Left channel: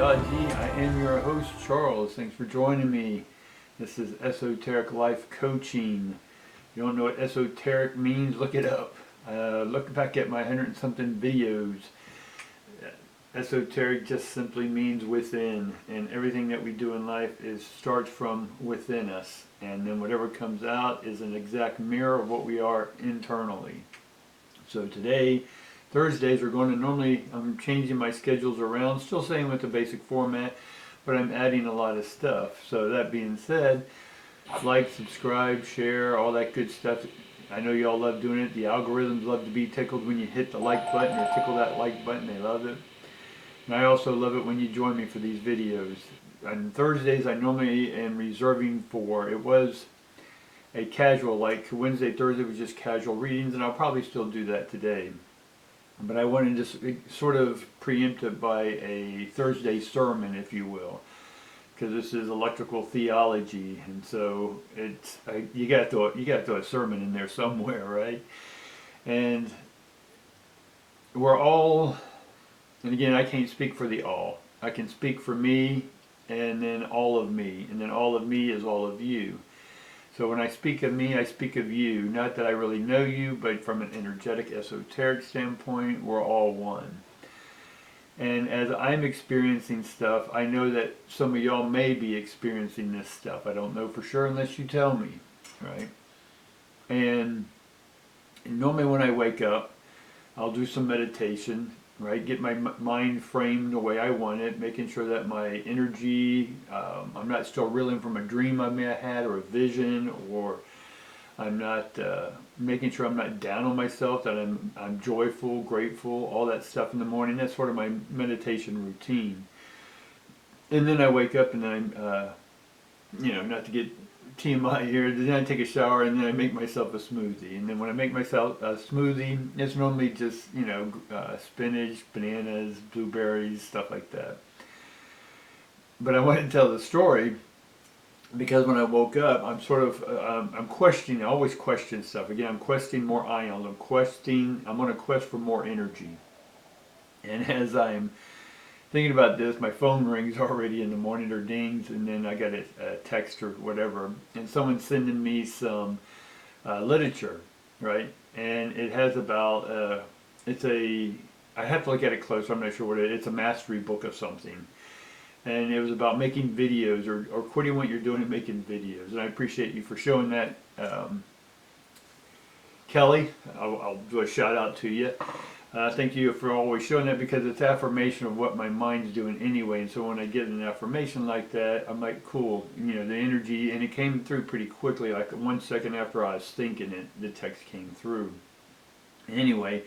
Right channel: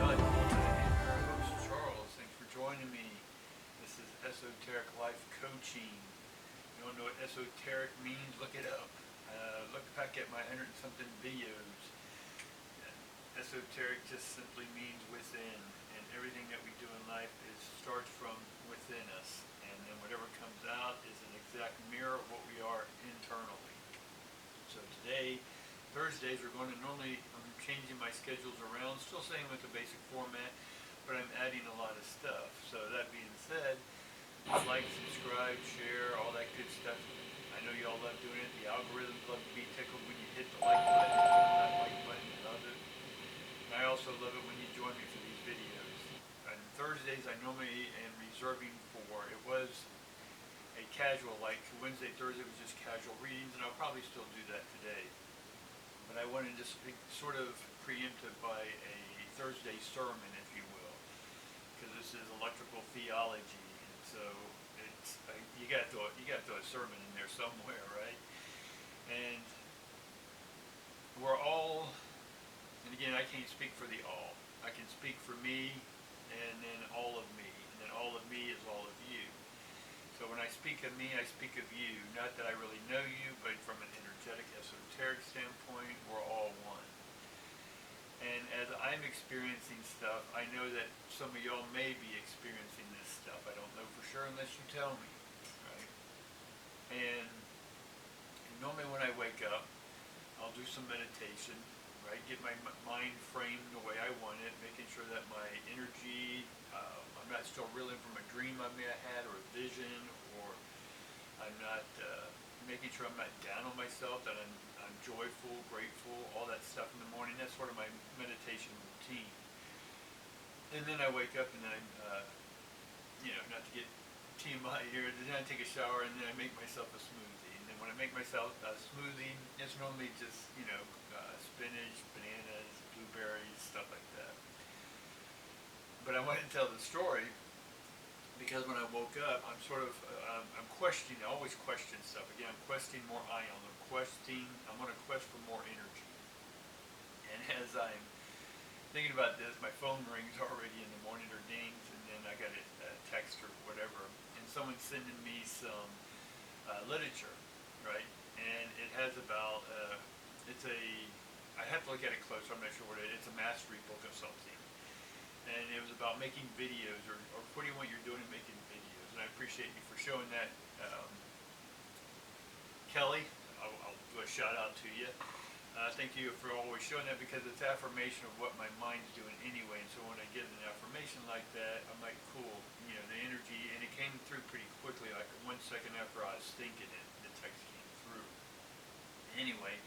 Theology. I am your host, Charles. Thanks for joining me. This is Esoteric Life Coaching. If you don't know what esoteric means, look it up. Look back at my 100 and something videos. Esoteric just simply means within, and everything that we do in life starts from within us, and then whatever comes out is an exact mirror of what we are internally. So today, Thursdays, I'm changing my schedules around, still staying with the basic format, but I'm adding a lot of stuff. So that being said, like, subscribe, share, all that good stuff. I know y'all love doing it. The algorithms love to be tickled when you hit the like button. They tickle that like button. They love it. And I also love it when you join me for these videos. On Thursdays, I normally am reserving for, it was a casual, like Wednesday, Thursday was just casual readings, and I'll probably still do that today. But I wanted to just sort of preempt it by a Thursday sermon, if you will, because this is electrical theology, and so you got to throw a sermon in there somewhere, right? And we're all, and again, I can't speak for the all. I can speak for me, and then all of me, and then all of me is all of you. So when I speak of me, I speak of you. Not that I really know you, but from an energetic, esoteric standpoint, we're all one. And as I'm experiencing stuff, I know that some of y'all may be experiencing this stuff. I don't know for sure unless you tell me, right? And normally when I wake up, I'll do some meditation, right? Get my mind framed the way I want it, making sure that my energy, I'm not still reeling from a dream I may have had or a vision, or I'm not making sure I'm not down on myself, that I'm joyful, grateful, all that stuff in the morning. That's sort of my meditation routine. And then I wake up and then not to get TMI here, then I take a shower and then I make myself a smoothie. And then when I make myself a smoothie, it's normally just, spinach, bananas, blueberries, stuff like that. But I want to tell the story because when I woke up, I'm sort of, I'm questioning, I always question stuff. Again, I'm questioning more ions. I'm on a quest for more energy. And as I'm thinking about this, my phone rings already in the morning, or dings, and then I got a text or whatever, and someone's sending me some literature, right? And it has about, I have to look at it closer, I'm not sure what it is. It's a mastery book of something. And it was about making videos, or quitting what you're doing and making videos. And I appreciate you for showing that. Kelly, I'll do a shout out to you. Thank you for always showing that, because it's affirmation of what my mind's doing anyway. And so when I get an affirmation like that, I'm like, cool, the energy, and it came through pretty quickly. Like 1 second after I was thinking it, the text came through. Anyway,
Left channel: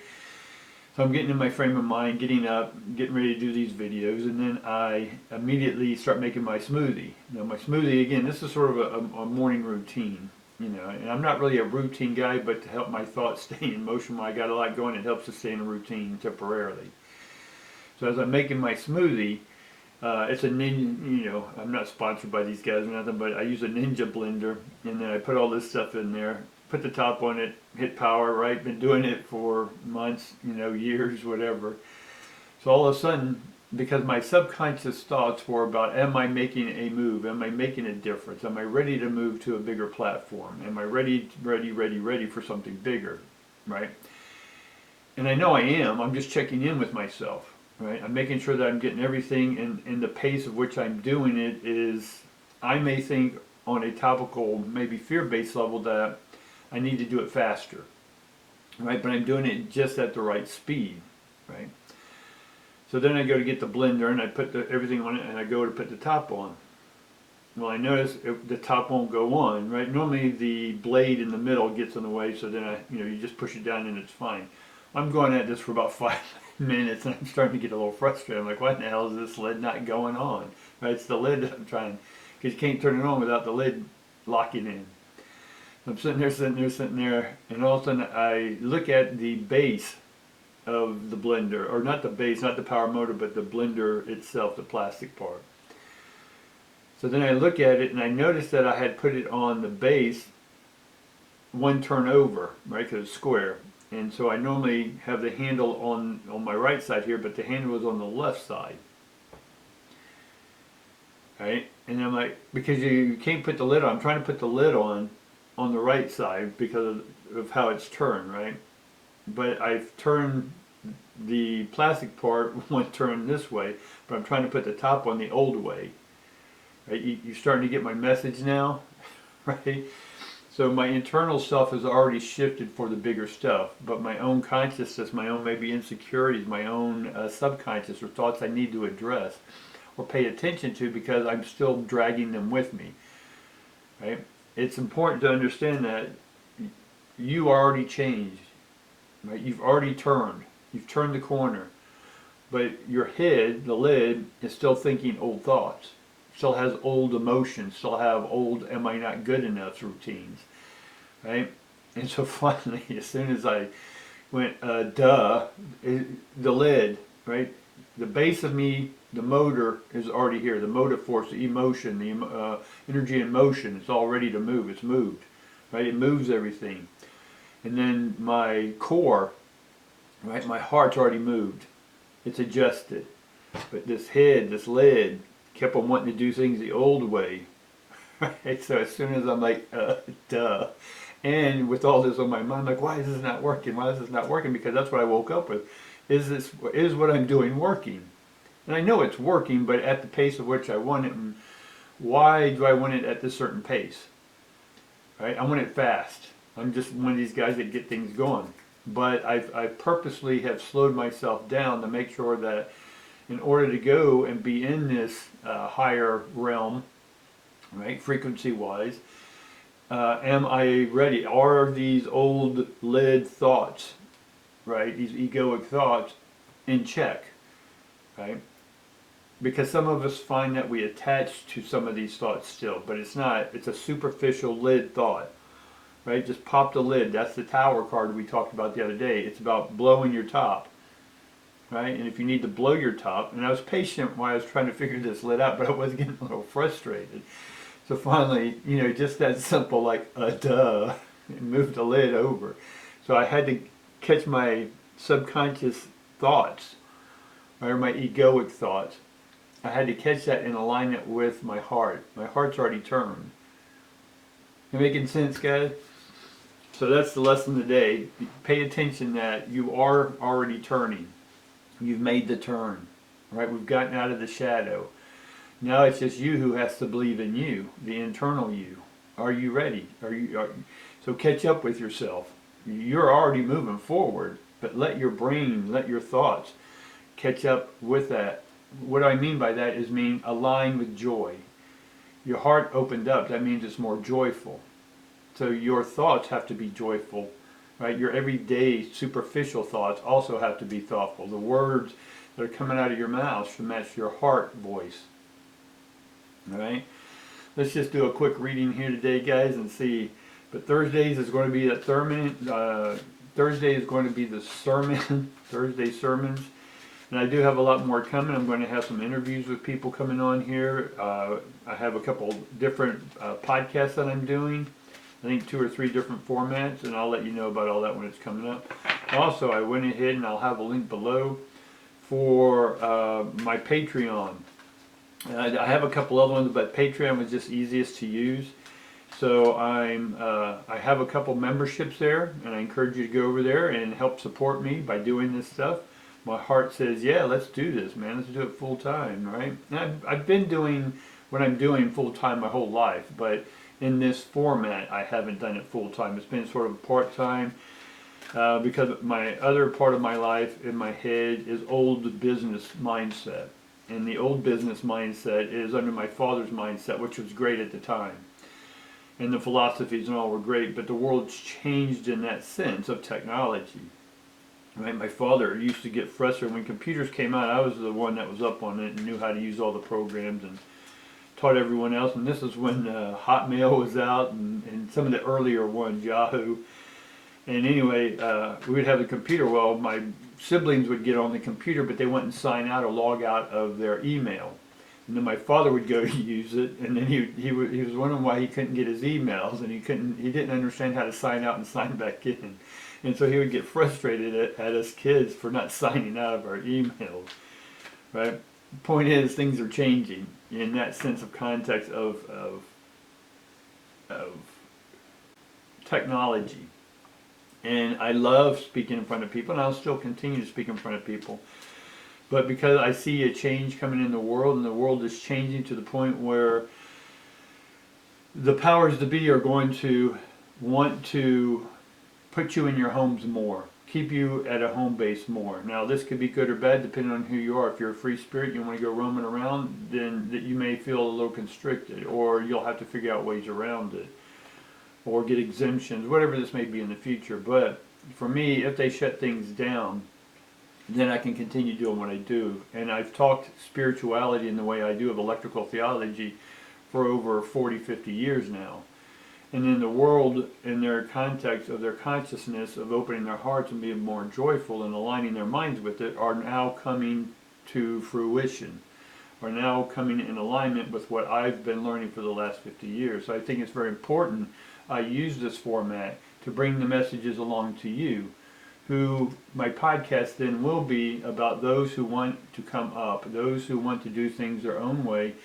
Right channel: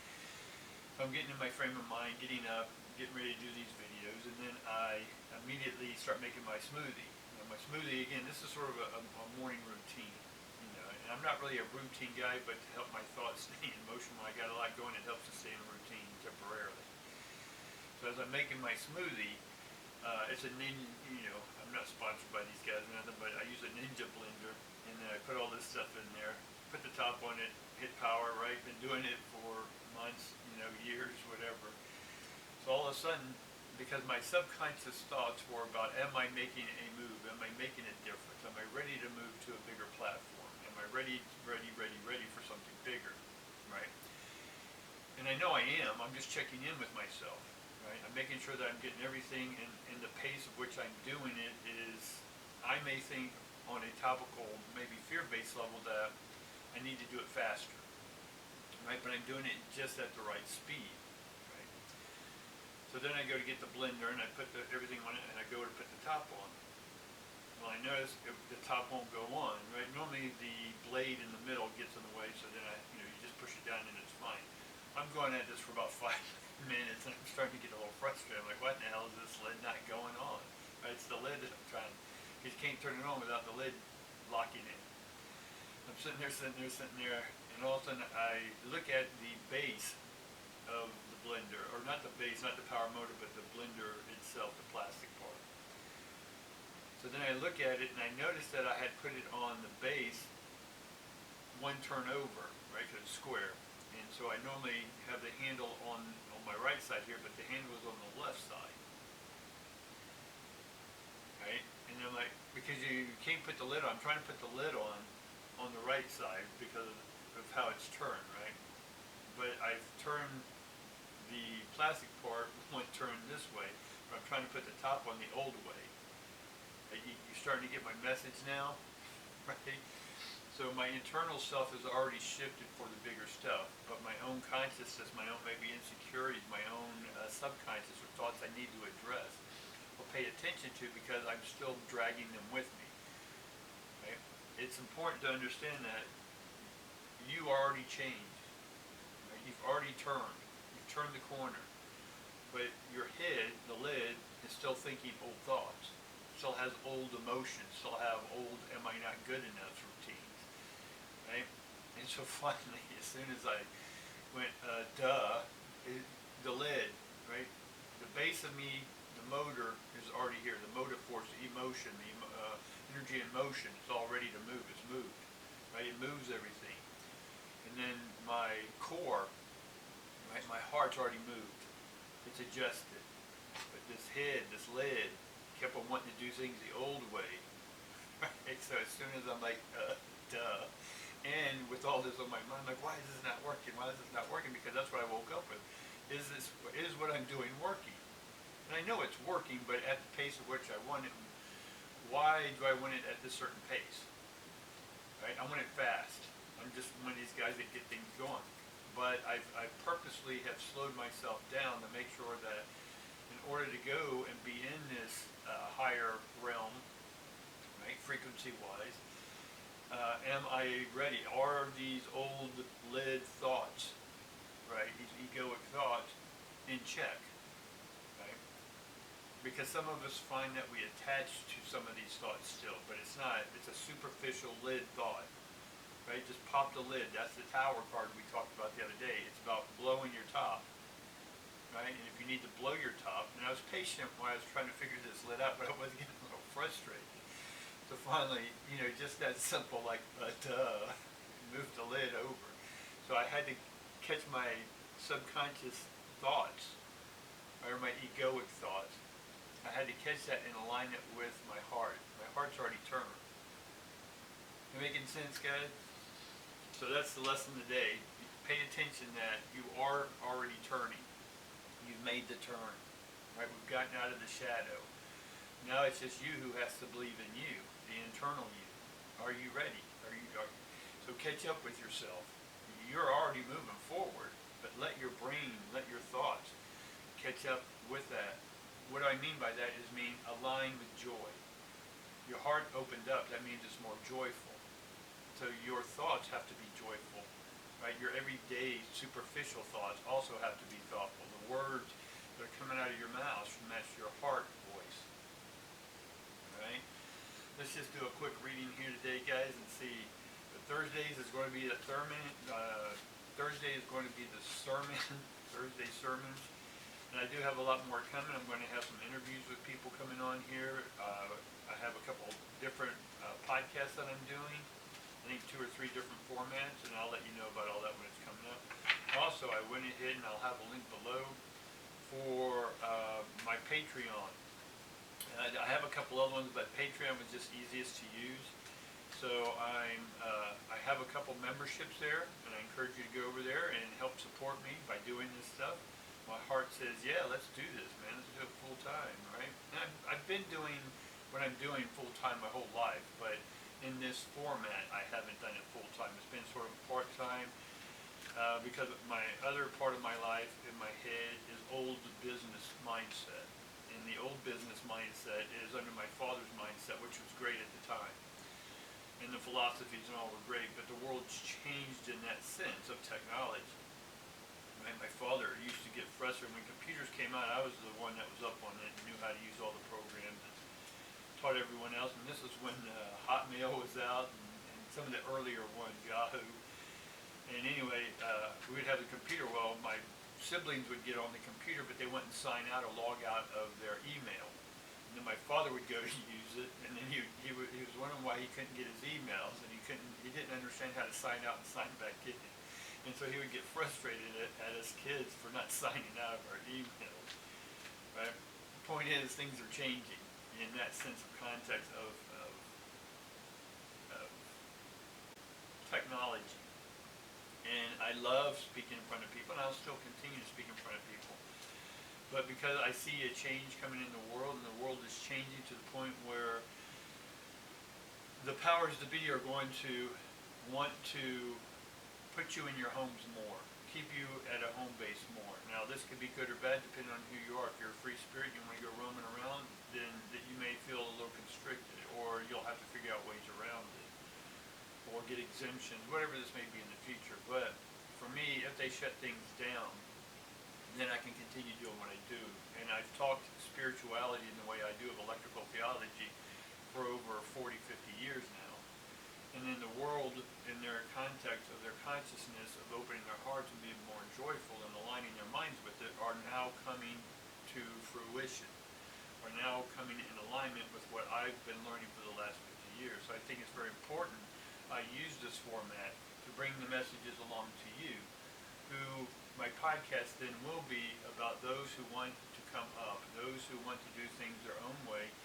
so I'm getting in my frame of mind, getting up, getting ready to do these videos, and then I immediately start making my smoothie. Now my smoothie, again, this is sort of a morning routine. And I'm not really a routine guy, but to help my thoughts stay in motion when I got a lot going, it helps to stay in a routine temporarily. So as I'm making my smoothie, it's a Ninja, I'm not sponsored by these guys or nothing, but I use a Ninja blender, and then I put all this stuff in there, put the top on it, hit power, right? Been doing it for months, years, whatever. So all of a sudden, because my subconscious thoughts were about, am I making a move? Am I making a difference? Am I ready to move to a bigger platform? Am I ready for something bigger, right? And I know I am. I'm just checking in with myself, right? I'm making sure that I'm getting everything, and the pace of which I'm doing it is, I may think on a topical, maybe fear-based level, that I need to do it faster, right? But I'm doing it just at the right speed, right? So then I go to get the blender, and I put everything on it, and I go to put the top on. Well, I notice the top won't go on, right? Normally the blade in the middle gets in the way, so then you just push it down and it's fine. I'm going at this for about 5 minutes, and I'm starting to get a little frustrated. I'm like, what the hell is this lid not going on? Right? It's the lid that I'm trying, because you can't turn it on without the lid locking in. I'm sitting there, and all of a sudden I look at the base of the blender, or not the base, not the power motor, but the blender itself, the plastic part. So then I look at it, and I notice that I had put it on the base one turn over, right, because it's square. And so I normally have the handle on my right side here, but the handle was on the left side. right? And I'm like, because you can't put the lid on. I'm trying to put the lid on the right side because of how it's turned, right? But I've turned the plastic part one turn this way, but I'm trying to put the top on the old way. Right? You're starting to get my message now, right? So my internal self has already shifted for the bigger stuff, but my own consciousness, my own maybe insecurities, my own subconscious or thoughts I need to address or pay attention to because I'm still dragging them with me, right? It's important to understand that you already changed, right? You've already turned. You've turned the corner. But your head, the lid, is still thinking old thoughts. Still has old emotions. Still have old am I not good enough routines, right? And so finally, as soon as I went, the lid, right? The base of me, the motor is already here. The motive force, the emotion, the energy and motion, it's all ready to move. It's moved, right? It moves everything. And then my core, right? My heart's already moved. It's adjusted. But this head, this lid, kept on wanting to do things the old way. Right? So as soon as I'm like, duh. And with all this on my mind, I'm like, why is this not working? Why is this not working? Because that's what I woke up with. Is what I'm doing working? And I know it's working, but at the pace of which I want it. And why do I want it at this certain pace? Right? I want it fast. I'm just one of these guys that get things going. But I purposely have slowed myself down to make sure that in order to go and be in this higher realm, right, frequency-wise, am I ready? Are these old lid thoughts, right, these egoic thoughts, in check, right? Because some of us find that we attach to some of these thoughts still, but it's not. It's a superficial lid thought. Right, just pop the lid. That's the tower card we talked about the other day. It's about blowing your top, right? And if you need to blow your top, and I was patient while I was trying to figure this lid out, but I was getting a little frustrated. So finally, just that simple, like duh, and move the lid over. So I had to catch my subconscious thoughts, or my egoic thoughts. I had to catch that in alignment with my heart. My heart's already turned. You making sense, guys? So that's the lesson today. Pay attention that you are already turning. You've made the turn, right? We've gotten out of the shadow. Now it's just you who has to believe in you, the internal you. Are you ready? So catch up with yourself. You're already moving forward, but let your brain, let your thoughts catch up with that. What I mean by that is align with joy. Your heart opened up. That means it's more joyful. So your thoughts have to be joyful, right? Your everyday superficial thoughts also have to be thoughtful. The words that are coming out of your mouth should match your heart voice. All right? Let's just do a quick reading here today, guys, and see. But Thursdays is going to be Thursday is going to be the sermon, Thursday sermons. And I do have a lot more coming. I'm going to have some interviews with people coming on here. I have a couple different podcasts that I'm doing. I think 2 or 3 different formats, and I'll let you know about all that when it's coming up. Also, I went ahead and I'll have a link below for my Patreon. I have a couple other ones, but Patreon was just easiest to use. So I have a couple memberships there, and I encourage you to go over there and help support me by doing this stuff. My heart says, yeah, let's do this, man. Let's do it full time, right? And I've been doing what I'm doing full time my whole life, but in this format, I haven't done it full time. It's been sort of part time because my other part of my life in my head is old business mindset. And the old business mindset is under my father's mindset, which was great at the time. And the philosophies and all were great, but the world's changed in that sense of technology. Right? My father used to get frustrated when computers came out. I was the one that was up on it and knew how to use all the programs and taught everyone else. And this is when Hotmail was out and some of the earlier ones, Yahoo. And anyway, we would have the computer. Well, my siblings would get on the computer, but they wouldn't sign out or log out of their email. And then my father would go to use it, and then he was wondering why he couldn't get his emails, and he didn't understand how to sign out and sign back in. And so he would get frustrated at us kids for not signing out of our emails, right? point is, things are changing in that sense of context of technology. And I love speaking in front of people, and I'll still continue to speak in front of people. But because I see a change coming in the world, and the world is changing to the point where the powers that be are going to want to put you in your homes more, keep you at a home base more. Now, this could be good or bad depending on who you are. If you're a free spirit, you want to go roaming around, then that you may feel a little constricted, or you'll have to figure out ways around it, or get exemptions, whatever this may be in the future. But for me, if they shut things down, then I can continue doing what I do. And I've talked spirituality in the way I do of electrical theology for over 40, 50 years now. And in the world, in their context of their consciousness of opening their hearts and being more joyful and aligning their minds with it, are now coming to fruition, are now coming in alignment with what I've been learning for the last 50 years. So I think it's very important I use this format to bring the messages along to you, who my podcast then will be about those who want to come up, those who want to do things their own way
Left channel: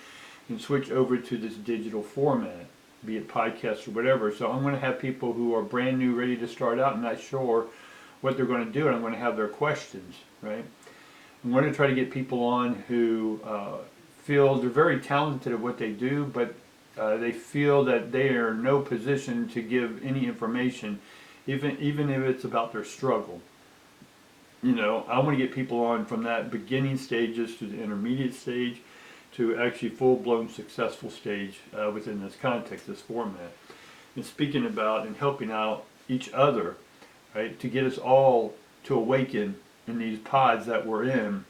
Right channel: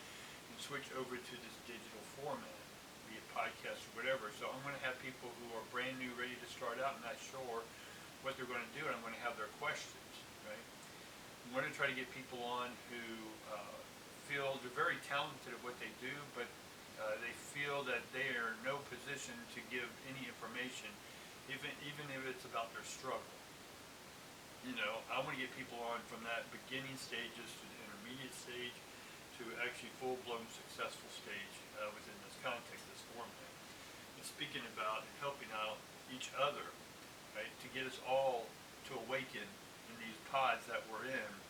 and switch over to this digital format, be it podcasts or whatever. So I'm going to have people who are brand new, ready to start out, and not sure what they're going to do, and I'm going to have their questions, right? I'm going to try to get people on who feel they're very talented at what they do, but they feel that they are in no position to give any information, even if it's about their struggle. You know, I want to get people on from that beginning stages to the intermediate stage to actually full-blown successful stage within this context, this format. And speaking about and helping out each other, right, to get us all to awaken in these pods that we're in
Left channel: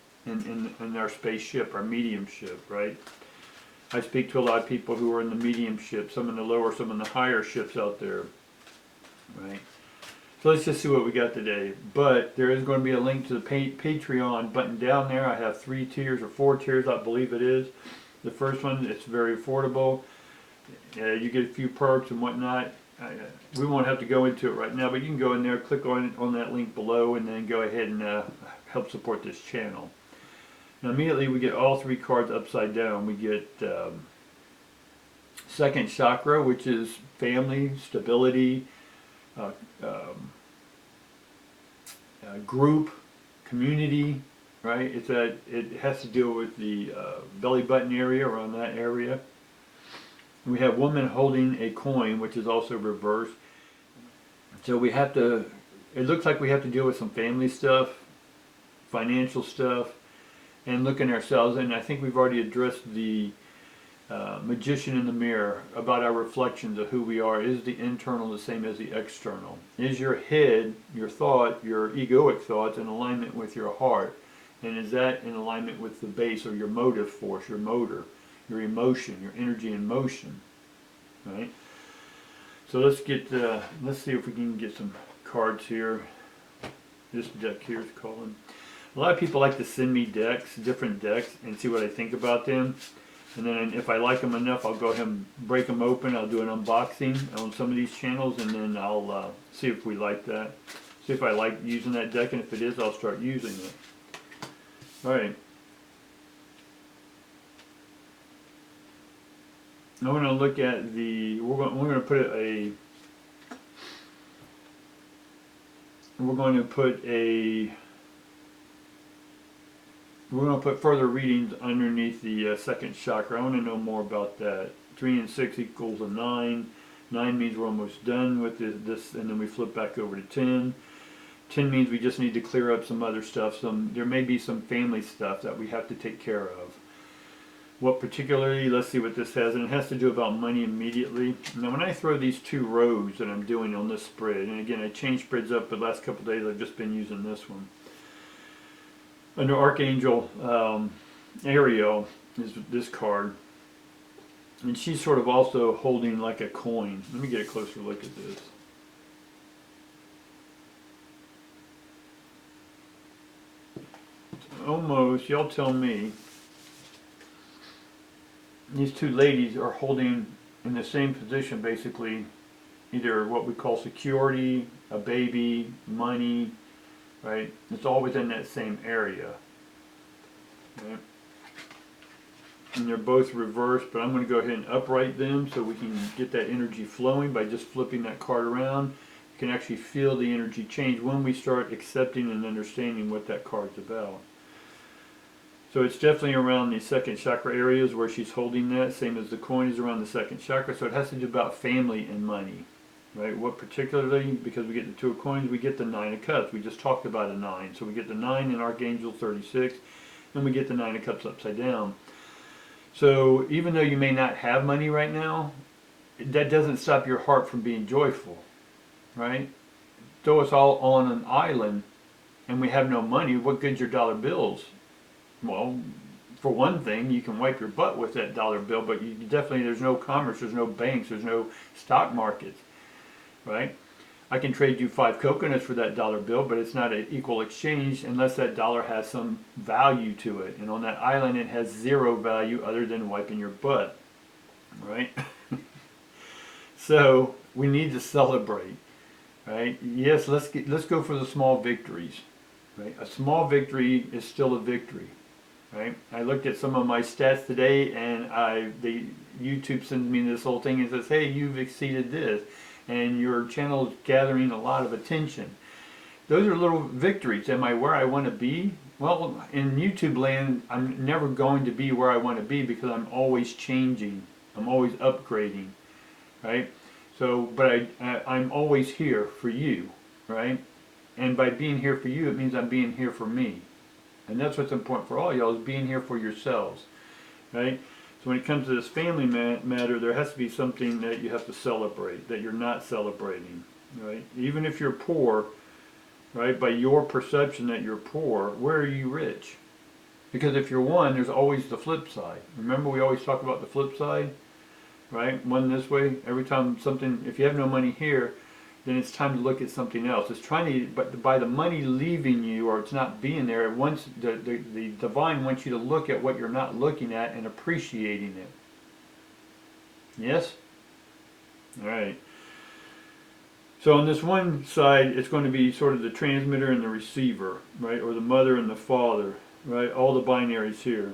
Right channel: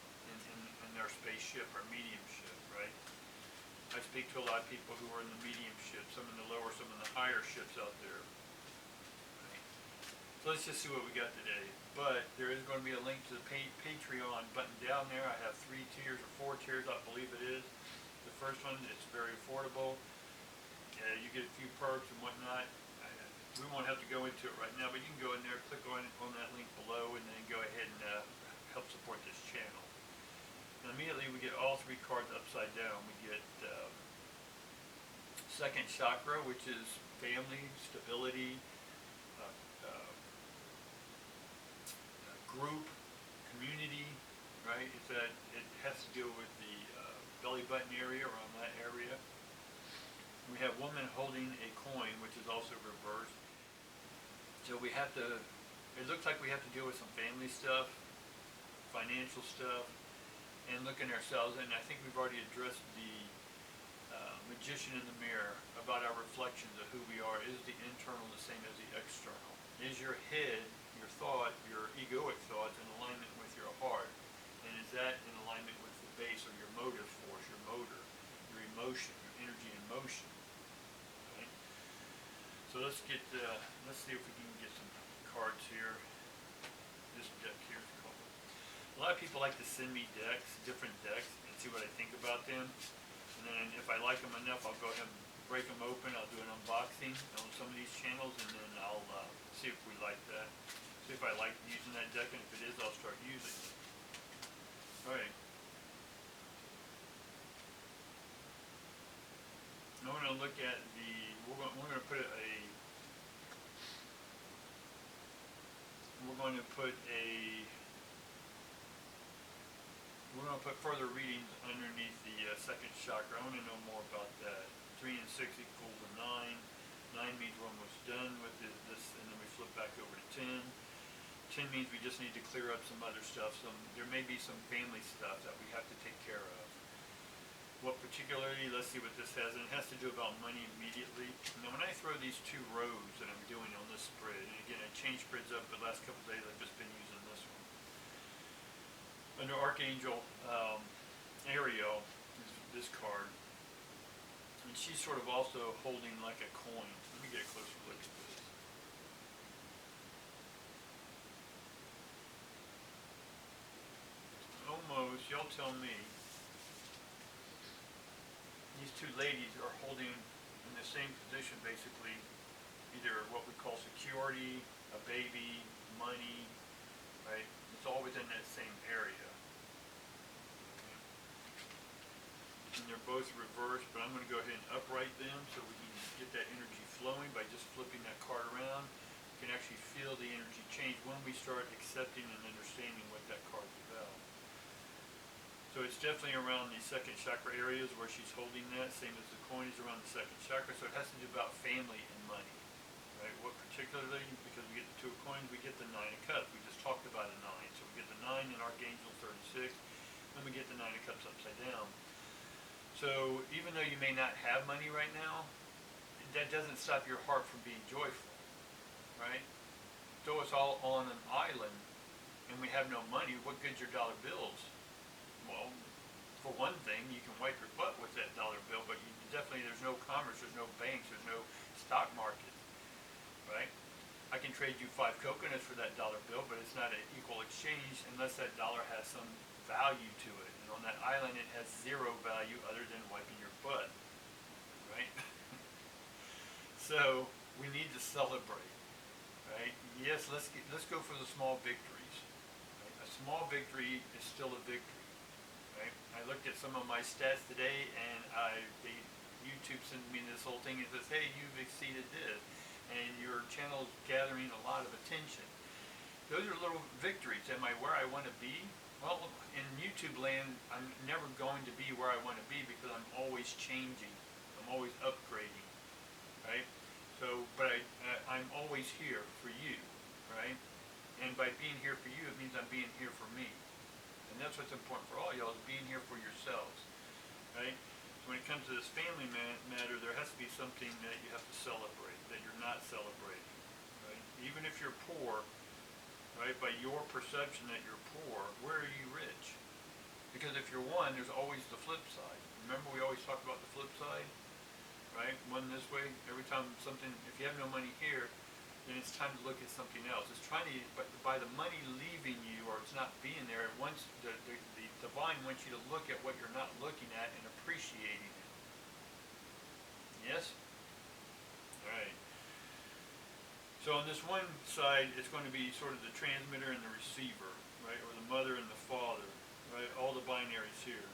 our spaceship, our mediumship, right? I speak to a lot of people who are in the mediumship, some in the lower, some in the higher ships out there, right? So let's just see what we got today. But there is going to be a link to the Patreon button down there. I have 3 tiers or 4 tiers, I believe it is. The first one, it's very affordable. You get a few perks and whatnot. We won't have to go into it right now, but you can go in there, click on that link below, and then go ahead and help support this channel. Now immediately we get all 3 cards upside down. We get second chakra, which is family, stability, group, community, right? It has to deal with the belly button area, around that area. And we have woman holding a coin, which is also reversed. So we have to, it looks like we have to deal with some family stuff, financial stuff, and looking at ourselves. And I think we've already addressed the magician in the mirror, about our reflections of who we are. Is the internal the same as the external? Is your head, your thought, your egoic thoughts in alignment with your heart? And is that in alignment with the base, or your motive force, your motor, your emotion, your energy in motion, right? So let's see if we can get some cards here. This deck here is calling. A lot of people like to send me decks, different decks, and see what I think about them. And then if I like them enough, I'll go ahead and break them open. I'll do an unboxing on some of these channels, and then I'll see if we like that. See if I like using that deck, and if it is, I'll start using it. All right. I'm going to look at the. We're going to put a. We're going to put further readings underneath the second chakra. I want to know more about that. 3 and 6 equals a 9. 9 means we're almost done with this, and then we flip back over to 10. 10 means we just need to clear up some other stuff. There may be some family stuff that we have to take care of. What particularly, let's see what this has, and it has to do about money immediately. Now when I throw these 2 rows that I'm doing on this spread, and again I changed spreads up, but the last couple of days I've just been using this one. Under Archangel Ariel is this card, and she's sort of also holding like a coin. Let me get a closer look at this. Almost, y'all tell me, these 2 ladies are holding in the same position, basically, either what we call security, a baby, money, right? It's all within that same area. Right? and they're both reversed, but I'm going to go ahead and upright them so we can get that energy flowing by just flipping that card around. You can actually feel the energy change when we start accepting and understanding what that card's about. So it's definitely around the second chakra areas where she's holding that, same as the coin is around the second chakra. So it has to do about family and money, right? What particularly, because we get the Two of Coins, we get the Nine of Cups. We just talked about a 9. So we get the 9 in Archangel 36, and we get the Nine of Cups upside down. So even though you may not have money right now, that doesn't stop your heart from being joyful, right? Throw us all on an island and we have no money, what good's your dollar bills? Well, for one thing, you can wipe your butt with that dollar bill, but you definitely, there's no commerce, there's no banks, there's no stock markets, right? I can trade you 5 coconuts for that dollar bill, but it's not an equal exchange unless that dollar has some value to it. And on that island, it has 0 value other than wiping your butt, right? So we need to celebrate, right? Yes, let's go for the small victories, right? A small victory is still a victory. Right? I looked at some of my stats today, and the YouTube sends me this whole thing and says, "Hey, you've exceeded this, and your channel is gathering a lot of attention." Those are little victories. Am I where I want to be? Well, in YouTube land, I'm never going to be where I want to be because I'm always changing. I'm always upgrading, right? So, but I'm always here for you, right? And by being here for you, it means I'm being here for me. And that's what's important for all y'all, is being here for yourselves, right? So when it comes to this family matter, there has to be something that you have to celebrate, that you're not celebrating, right? Even if you're poor, right, by your perception that you're poor, where are you rich? Because if you're one, there's always the flip side. Remember, we always talk about the flip side, right? One this way, every time something, if you have no money here, then it's time to look at something else. It's trying to, but by the money leaving you or it's not being there, it wants the divine wants you to look at what you're not looking at and appreciating it. Yes? All right. So on this one side, it's going to be sort of the transmitter and the receiver, right? Or the mother and the father, right? All the binaries here.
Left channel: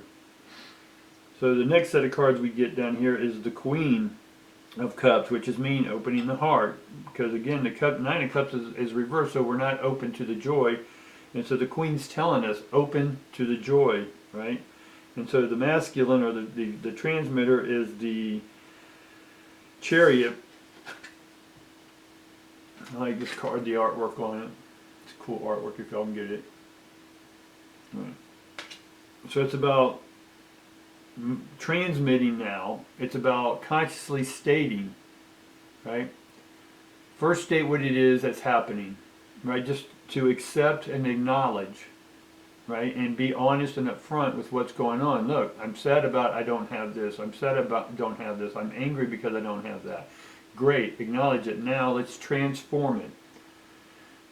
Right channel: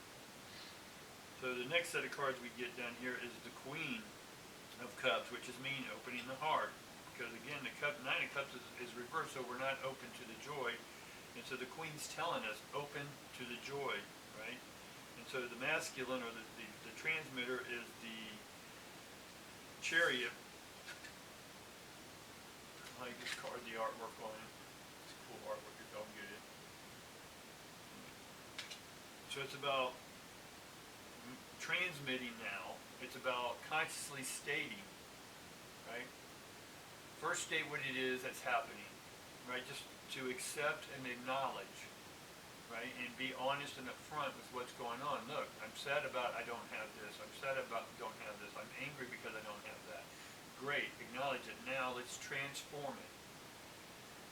So the next set of cards we get down here is the Queen of Cups, which is mean opening the heart, because again the Nine of Cups is reversed, so we're not open to the joy, and so the Queen's telling us open to the joy, right? And so the masculine or the transmitter is the Chariot. I like this card, the artwork on it. It's cool artwork if y'all can get it. Right. So it's about transmitting now. It's about consciously stating, right? First state what it is that's happening, right? Just to accept and acknowledge, right? And be honest and upfront with what's going on. Look, I'm sad about I don't have this. I'm sad about I don't have this. I'm angry because I don't have that. Great, acknowledge it. Now let's transform it,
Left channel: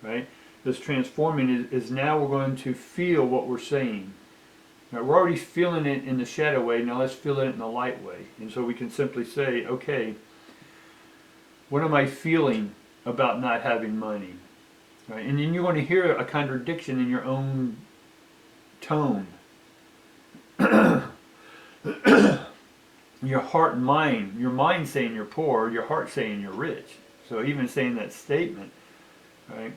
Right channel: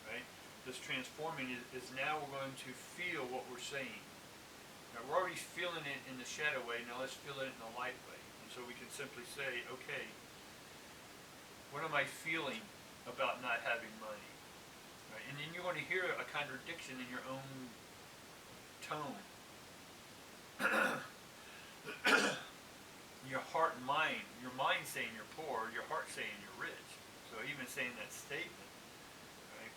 right? This transforming is now we're going to feel what we're saying. Right, we're already feeling it in the shadow way, now let's feel it in the light way. And so we can simply say, okay, what am I feeling about not having money? Right? And then you're going to hear a contradiction in your own tone. Your heart and mind, your mind saying you're poor, your heart saying you're rich. So even saying that statement, right,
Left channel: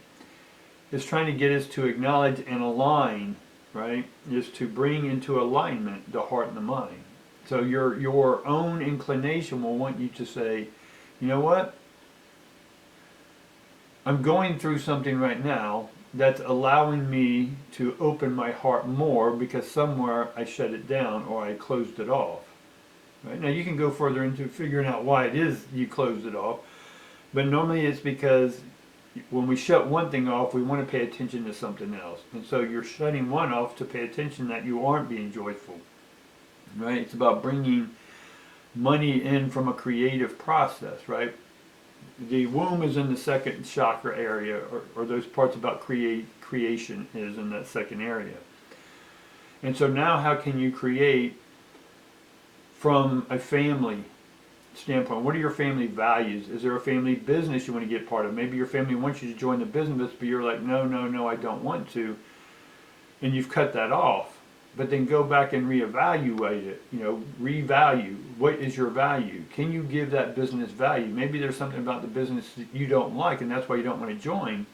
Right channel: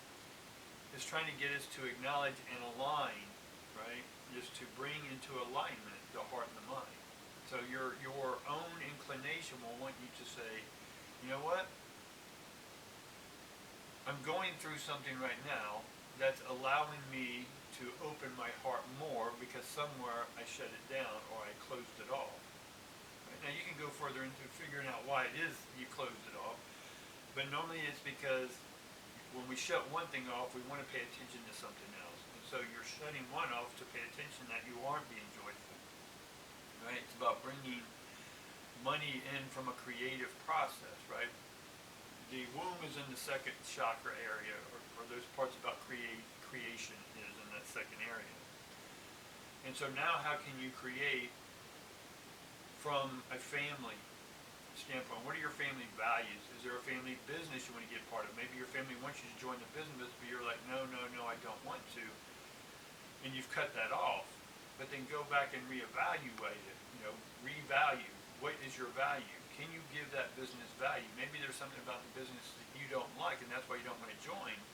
is trying to get us to acknowledge and align, right, is to bring into alignment the heart and the mind. So your own inclination will want you to say, you know what? I'm going through something right now that's allowing me to open my heart more because somewhere I shut it down or I closed it off. Right? Now you can go further into figuring out why it is you closed it off, but normally it's because when we shut one thing off, we want to pay attention to something else. And so you're shutting one off to pay attention that you aren't being joyful. Right? It's about bringing money in from a creative process, right? The womb is in the second chakra area, or those parts about creation is in that second area. And so now how can you create from a family standpoint? What are your family values? Is there a family business you want to get part of? Maybe your family wants you to join the business, but you're like, no, I don't want to. And you've cut that off, but then go back and reevaluate it. Revalue. What is your value? Can you give that business value? Maybe there's something about the business that you don't like, and that's why you don't want to join.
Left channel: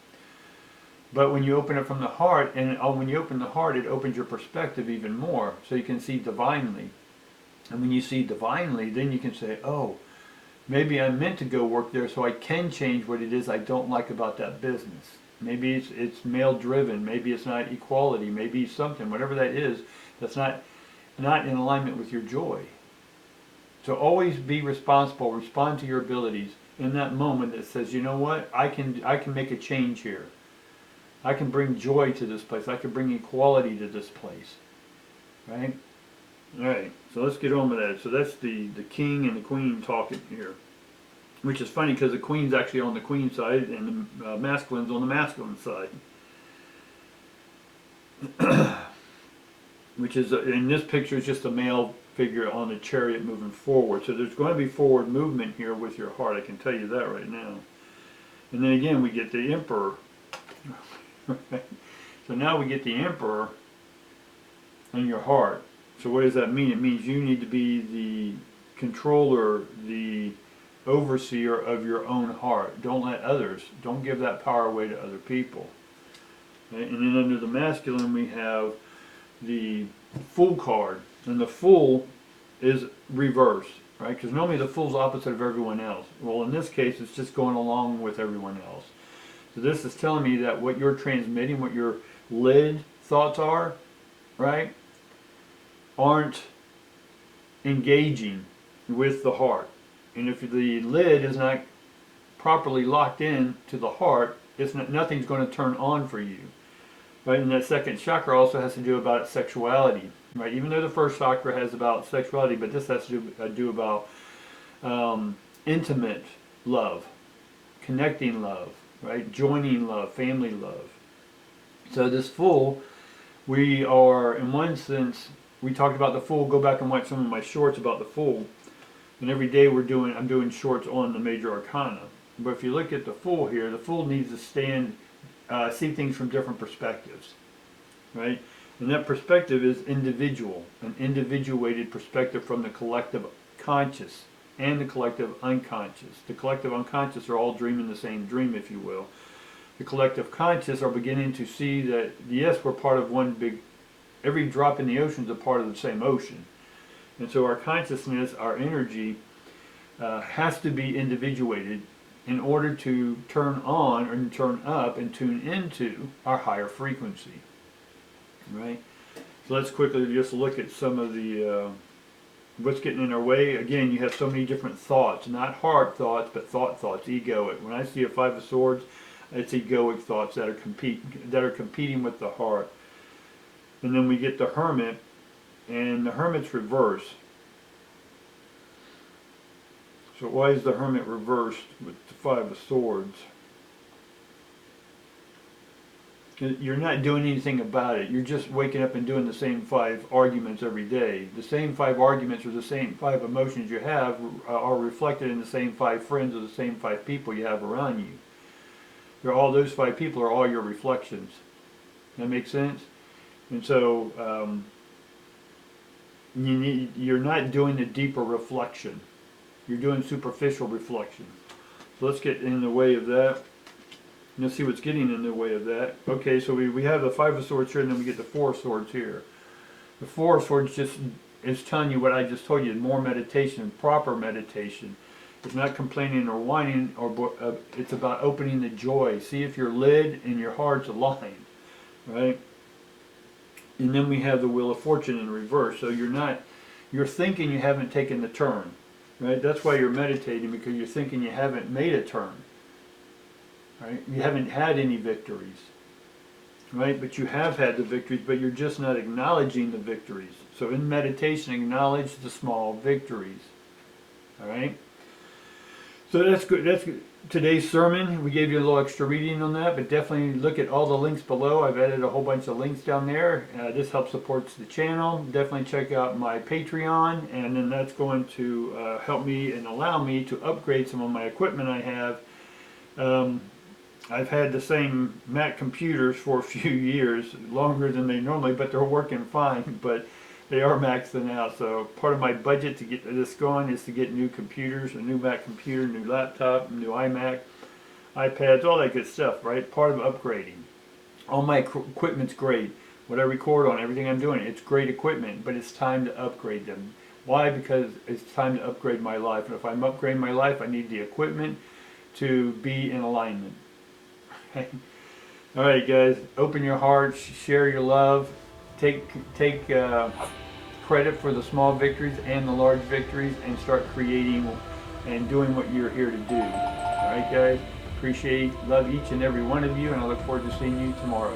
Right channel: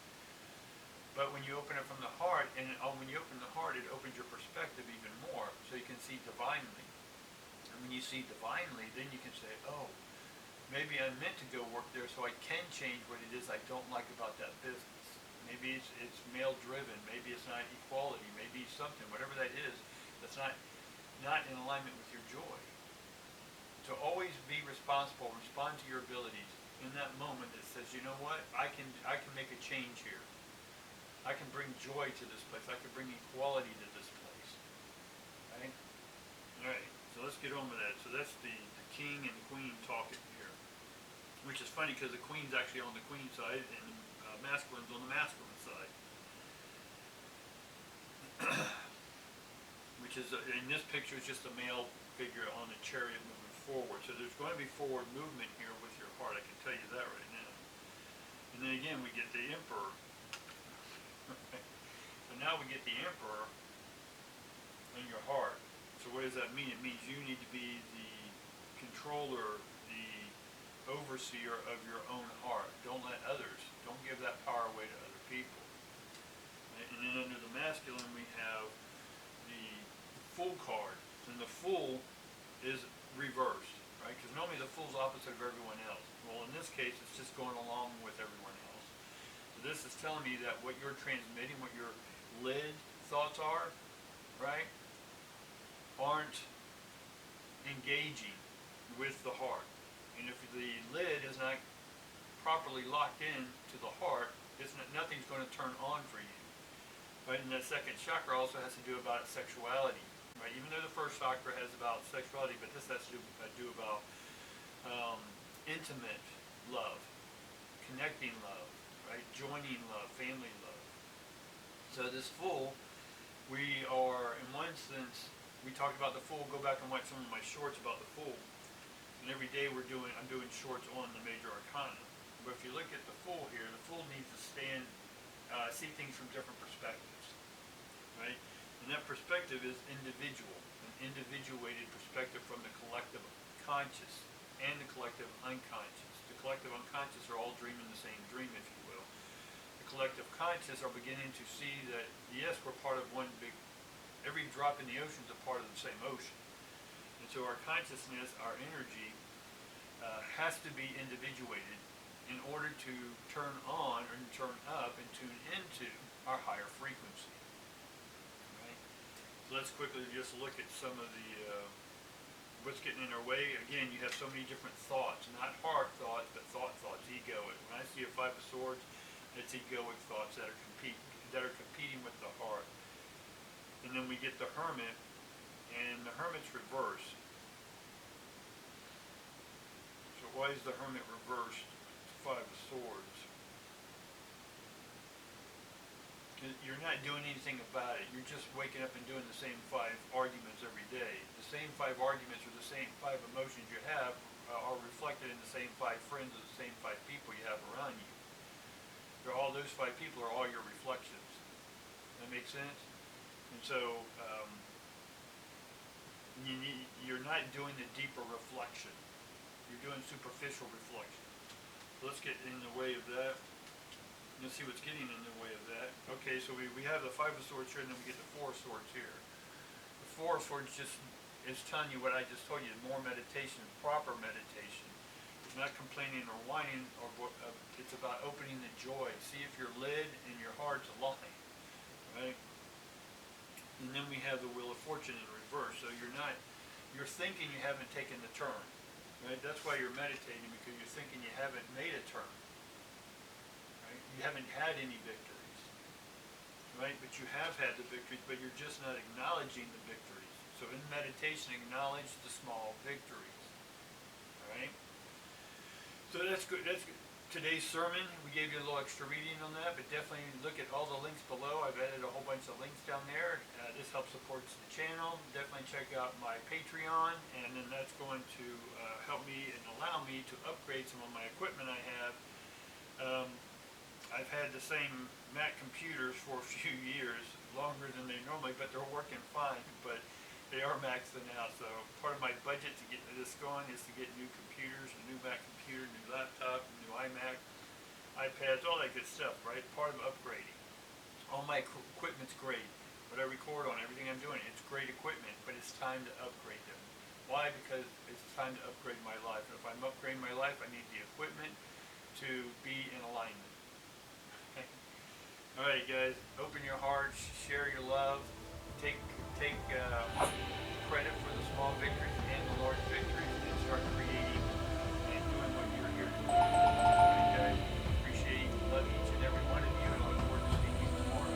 But when you open it from the heart, and when you open the heart, it opens your perspective even more, so you can see divinely. And when you see divinely, then you can say, oh, maybe I'm meant to go work there so I can change what it is I don't like about that business. Maybe it's male driven, maybe it's not equality, maybe something, whatever that is, that's not in alignment with your joy. So always be responsible, respond to your abilities in that moment that says, you know what, I can make a change here. I can bring joy to this place. I can bring equality to this place. Right? Alright, so let's get on with that. So that's the king and the queen talking here. Which is funny because the queen's actually on the queen side and the masculine's on the masculine side. Which is, in this picture, is just a male figure on a chariot moving forward. So there's going to be forward movement here with your heart. I can tell you that right now. And then again, we get the emperor. So now we get the emperor in your heart. So what does that mean? It means you need to be the controller, the overseer of your own heart. Don't give that power away to other people. Okay? And then under the masculine we have the Fool card. And the Fool is reversed, right? Because normally the Fool's opposite of everyone else. Well, in this case, it's just going along with everyone else. So this is telling me that what you're transmitting, what your lid thoughts are, right, aren't engaging with the heart. And if the lid is not properly locked in to the heart, nothing's going to turn on for you. Right? And that second chakra also has to do about sexuality. Right? Even though the first chakra has about sexuality, but this has to do about intimate love, connecting love. Right? Joining love, family love. So this Fool, we are, in one sense, we talked about the Fool. Go back and watch some of my shorts about the Fool. And every day I'm doing shorts on the major arcana. But if you look at the Fool here, the Fool needs to see things from different perspectives. Right? And that perspective is individual, an individuated perspective from the collective conscious and the collective unconscious. The collective unconscious are all dreaming the same dream, if you will. The collective conscious are beginning to see that, yes, we're part of one big, every drop in the ocean is a part of the same ocean. And so our consciousness, our energy, has to be individuated in order to turn on or turn up and tune into our higher frequency. Right? So let's quickly just look at some of the what's getting in our way. Again, you have so many different thoughts, not heart thoughts, but thoughts, egoic. When I see a Five of Swords, it's egoic thoughts that are competing with the heart. And then we get the Hermit, and the Hermit's reversed. So why is the Hermit reversed with the Five of Swords? You're not doing anything about it. You're just waking up and doing the same 5 arguments every day. The same 5 arguments or the same 5 emotions you have are reflected in the same 5 friends or the same 5 people you have around you. All those 5 people are all your reflections. That makes sense? And so you're not doing the deeper reflection. You're doing superficial reflection. So let's get in the way of that. Let's see what's getting in the way of that. Okay, so we have the Five of Swords here, and then we get the Four of Swords here. The Four of Swords just is telling you what I just told you, more meditation, proper meditation. It's not complaining or whining, it's about opening the joy. See if your lid and your heart's aligned, right? And then we have the Wheel of Fortune in reverse. So you're thinking you haven't taken the turn, right? That's why you're meditating, because you're thinking you haven't made a turn. Right? You haven't had any victories, right? But you have had the victories, but you're just not acknowledging the victories. So in meditation, acknowledge the small victories. All right? So that's good. That's good. Today's sermon, we gave you a little extra reading on that, but definitely look at all the links below. I've added a whole bunch of links down there. This helps support the channel. Definitely check out my Patreon, and then that's going to help me and allow me to upgrade some of my equipment I have. I've had the same Mac computers for a few years, longer than they normally, but they're working fine, but they are maxing out. So part of my budget to get this going is to get new computers, a new Mac computer, new laptop, new iMac, iPads, all that good stuff, right? Part of upgrading. All my equipment's great. What I record on, everything I'm doing, it's great equipment, but it's time to upgrade them. Why? Because it's time to upgrade my life. And if I'm upgrading my life, I need the equipment to be in alignment. All right, guys, open your hearts, share your love, take credit for the small victories and the large victories, and start creating and doing what you're here to do. All right, guys, appreciate, love each and every one of you, and I look forward to seeing you tomorrow.